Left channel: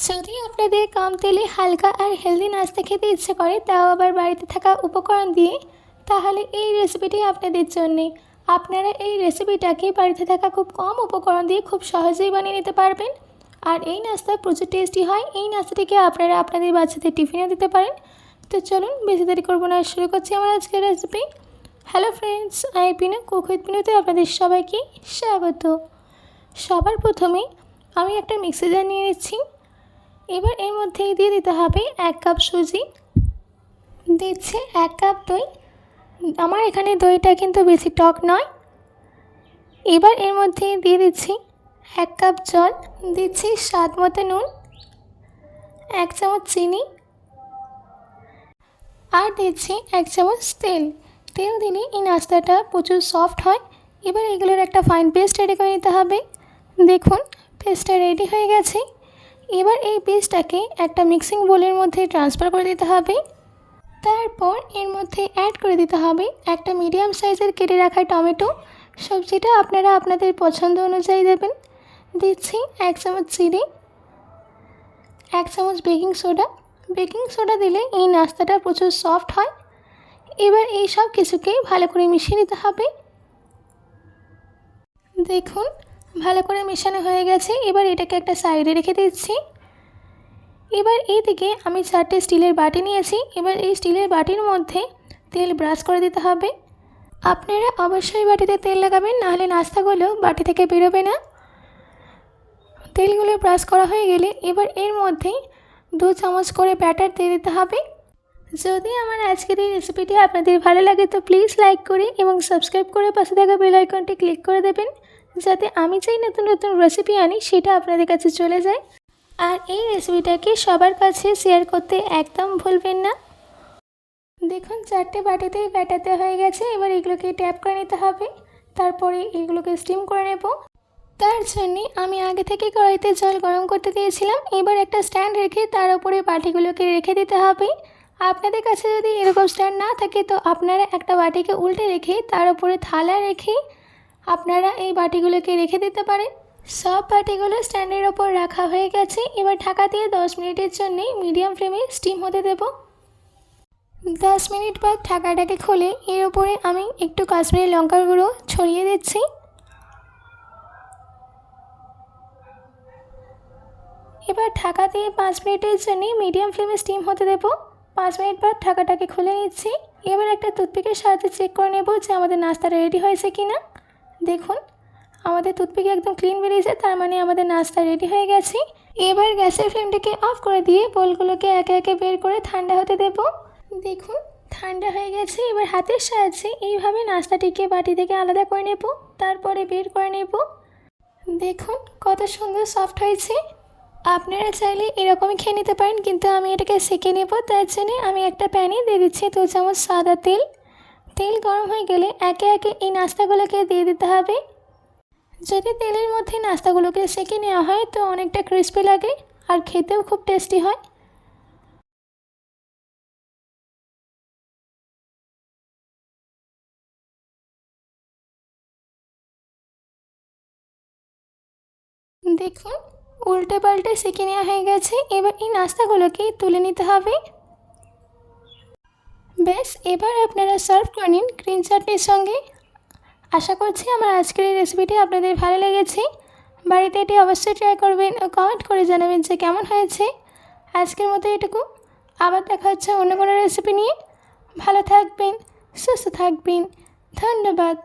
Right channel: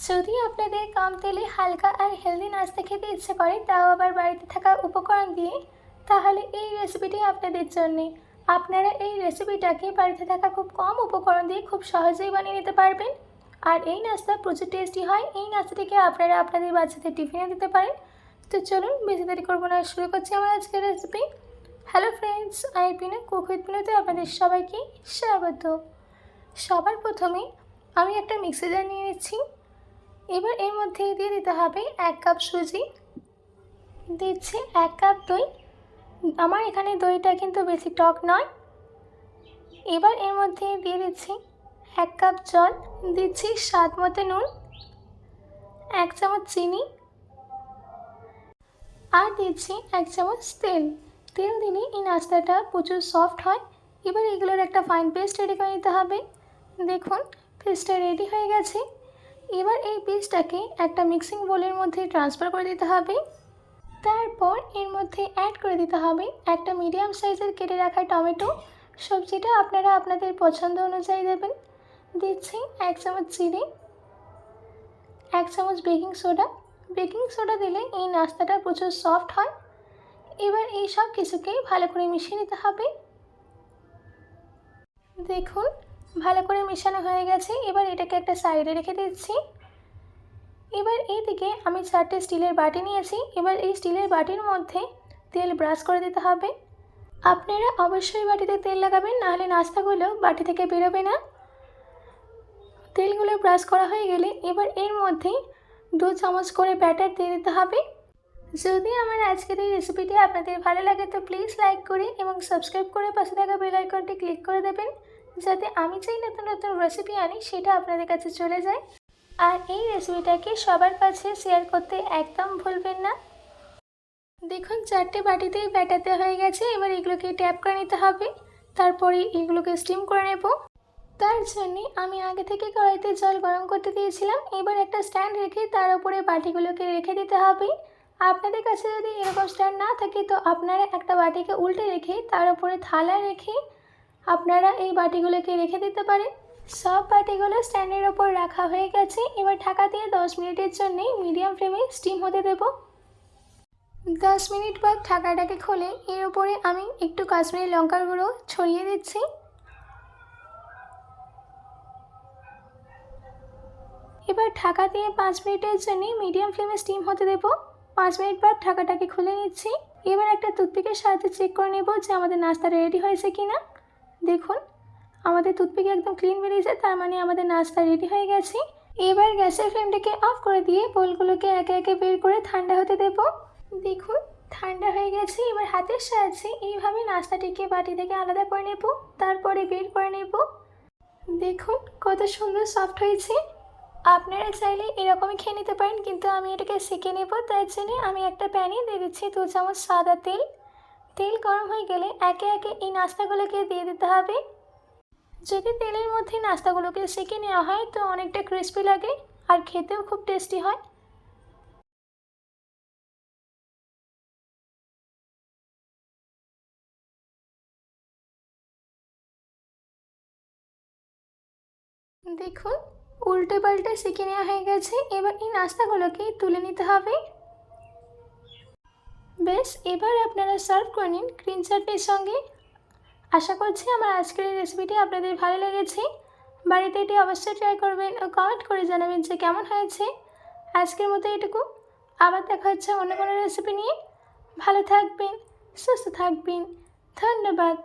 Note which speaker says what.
Speaker 1: যদি আপনাদের কম তেলে হালকা আর হেলদি নাস্তা খেতে ইচ্ছে করে, তাও আবার বাড়িতে থাকা উপকরণ দিয়ে, তাহলে এই রেসিপিটি আপনাদের জন্যে। আপনারা এই রেসিপিটাকে বাড়িতে থাকা খুব কম উপকরণ দিয়ে খুব সহজেই বানিয়ে নিতে পারবেন। আর এই নাস্তা প্রচুর টেস্টি হয়, এই নাস্তাটিকে আপনারা আপনাদের বাচ্চাদের টিফিনে দিতে পারেন। তো চলুন, বেশি দেরি করব না, শুরু করছি আমার আজকের recipe hello friends I Pinu cook পিনুতে আপনাদের সবাইকে স্বাগত। সবার প্রথমে আমি একটা মিক্সি জার নিয়ে নিচ্ছি। এবার এর মধ্যেই দিয়ে দিতে হবে এক কাপ সুজি। দিচ্ছে এক কাপ দই। আমার এখানে দইটা কিন্তু বেশি টক নয়। এবার এর মধ্যে দিয়ে দিচ্ছি এক কাপ জল। দিচ্ছি স্বাদ মতো নুন, এক চামচ চিনি আর দিচ্ছি এক চামচ তেল। তেল দিলে এই নাস্তাটা প্রচুর সফট হয়। এবার এগুলোর একটা ফাইন পেস্ট রেডি করে নিতে হবে। দেখুন পেস্টটা রেডি হয়ে গেছে। এবার এই পেস্টটাকে একটা মিক্সিং বোলের মধ্যে ট্রান্সফার করে দিতে হবে। তারপর এর মধ্যে অ্যাড করে দিতে হবে একটা মিডিয়াম সাইজের কেটে রাখা টমেটো। সবজিটা আপনারা আপনাদের পছন্দ অনুযায়ী দেবেন। দিচ্ছি এক চামচ চিনি, এক চামচ বেকিং সোডা বেকিং সোডা দিলে এই নাস্তাটা প্রচুর সফট হয়। এবার এই সব কিছুকেই ভালো করে মিশিয়ে নিতে হবে। দেখুন, ভালো করে মেশানো হয়ে গেছে। এবার এটাকে একটা সাইডে রেখে দিচ্ছি। এবার এইদিকে আমি চারটে স্টিলের বাটি নিয়েছি। এবার এই স্টিলের বাটির মধ্যে তেল ব্রাশ করে দিতে হবে। আপনারা অবশ্যই বাটিতে তেল লাগাবেন, নাহলে নাস্তাগুলো বাটি থেকে বেরোবে না। তেলগুলো ব্রাশ করা হয়ে গেলে এবার এর মধ্যেই দু চামচ করে ব্যাটার দিয়ে দিতে হবে। যদি আমার আজকের এই রেসিপিটি আপনাদের ভালো লাগে তো প্লিজ লাইক করে এবং সাবস্ক্রাইব করে পাশে থাকা বেল আইকনটি ক্লিক করে দেবেন, যাতে আমি যেই নতুন নতুন রেসিপি আনি সেটা আপনাদের কাছে চলে যায়। আর এই রেসিপিটাকে সবার কাছে শেয়ার করতে একদম ভুলবেন না। দেখুন, চারটে বাটিতেই ব্যাটাতে হয়ে গেছে, এবার এগুলোকে ট্যাপ করে নিতে হবে। তারপরে এগুলোকে স্টিম করে নেব। তার জন্যে আমি আগে থেকে কড়াইতে জল গরম করতে দিয়েছিলাম। এবার একটা স্ট্যান্ড রেখে তার উপরে বাটিগুলোকে রেখে দিতে হবে। আপনাদের কাছে যদি এরকম স্ট্যান্ড না থাকে, তো আপনারা একটা বাটিকে উল্টে রেখে তার উপরে থালা রেখে আপনারা এই বাটিগুলোকে রেখে দিতে পারেন। সব বাটিগুলো স্ট্যান্ডের ওপর রাখা হয়ে গেছে। এবার ঢাকা দিয়ে দশ মিনিটের জন্যে মিডিয়াম ফ্লেমে স্টিম হতে দেবো। দশ মিনিট বাদ ঢাকাটাকে খুলে এর ওপরে আমি একটু কাশ্মীরি লঙ্কার গুঁড়ো ছড়িয়ে দিচ্ছি। এবার ঢাকা দিয়ে পাঁচ মিনিটের জন্য মিডিয়াম ফ্লেমে স্টিম হতে দেবো। পাঁচ মিনিট বাদ ঢাকাটাকে খুলে নিচ্ছি। এবার একটা টুথপিকের সাহায্যে চেক করে নেব যে আমাদের নাস্তাটা রেডি হয়েছে কি না দেখুন আমাদের টুথপিক একদম ক্লিন বেরিয়েছে, তার মানে আমাদের নাস্তা রেডি হয়ে গেছে। এবার গ্যাসের ফ্লেমটাকে অফ করে দিয়ে বোলগুলোকে একে একে বের করে ঠান্ডা হতে দেব। দেখুন, ঠান্ডা হয়ে গেছে, এবার হাতের সাহায্যে এইভাবে নাস্তাটিকে বাটি থেকে আলাদা করে নেব, তারপরে বের করে নেব। দেখুন, কত সুন্দর সফট হয়েছে। আপনারা চাইলে এরকমই খেয়ে নিতে পারেন, কিন্তু আমি এটাকে সেঁকে নেব, তার জন্য আমি একটা প্যানে দিয়ে দিচ্ছি দু চামচ সাদা তেল। তেল গরম হয়ে গেলে একে একে এই নাস্তাগুলোকে দিয়ে দিতে হবে। যদি তেলের মধ্যে নাস্তাগুলোকে সেঁকে নেওয়া হয়, তো অনেকটা ক্রিস্পি লাগে আর খেতেও খুব টেস্টি হয়। দেখুন উল্টে পাল্টে সেঁকে নেওয়া হয়ে গেছে। এবার এই নাস্তাগুলোকে তুলে নিতে হবে। বেশ, এবার আপনারা সার্ভ করে নিন গ্রিন চাটনির সঙ্গে। আশা করছি আমার আজকের এই রেসিপিটি আপনাদের ভালো লেগেছে। বাড়িতে এটি অবশ্যই ট্রাই করবেন ও কমেন্ট করে জানাবেন যে কেমন হয়েছে। আজকের মতো এটুকু। আবার দেখা হচ্ছে অন্য কোনো রেসিপি নিয়ে। ভালো থাকবেন, সুস্থ থাকবেন। ধন্যবাদ।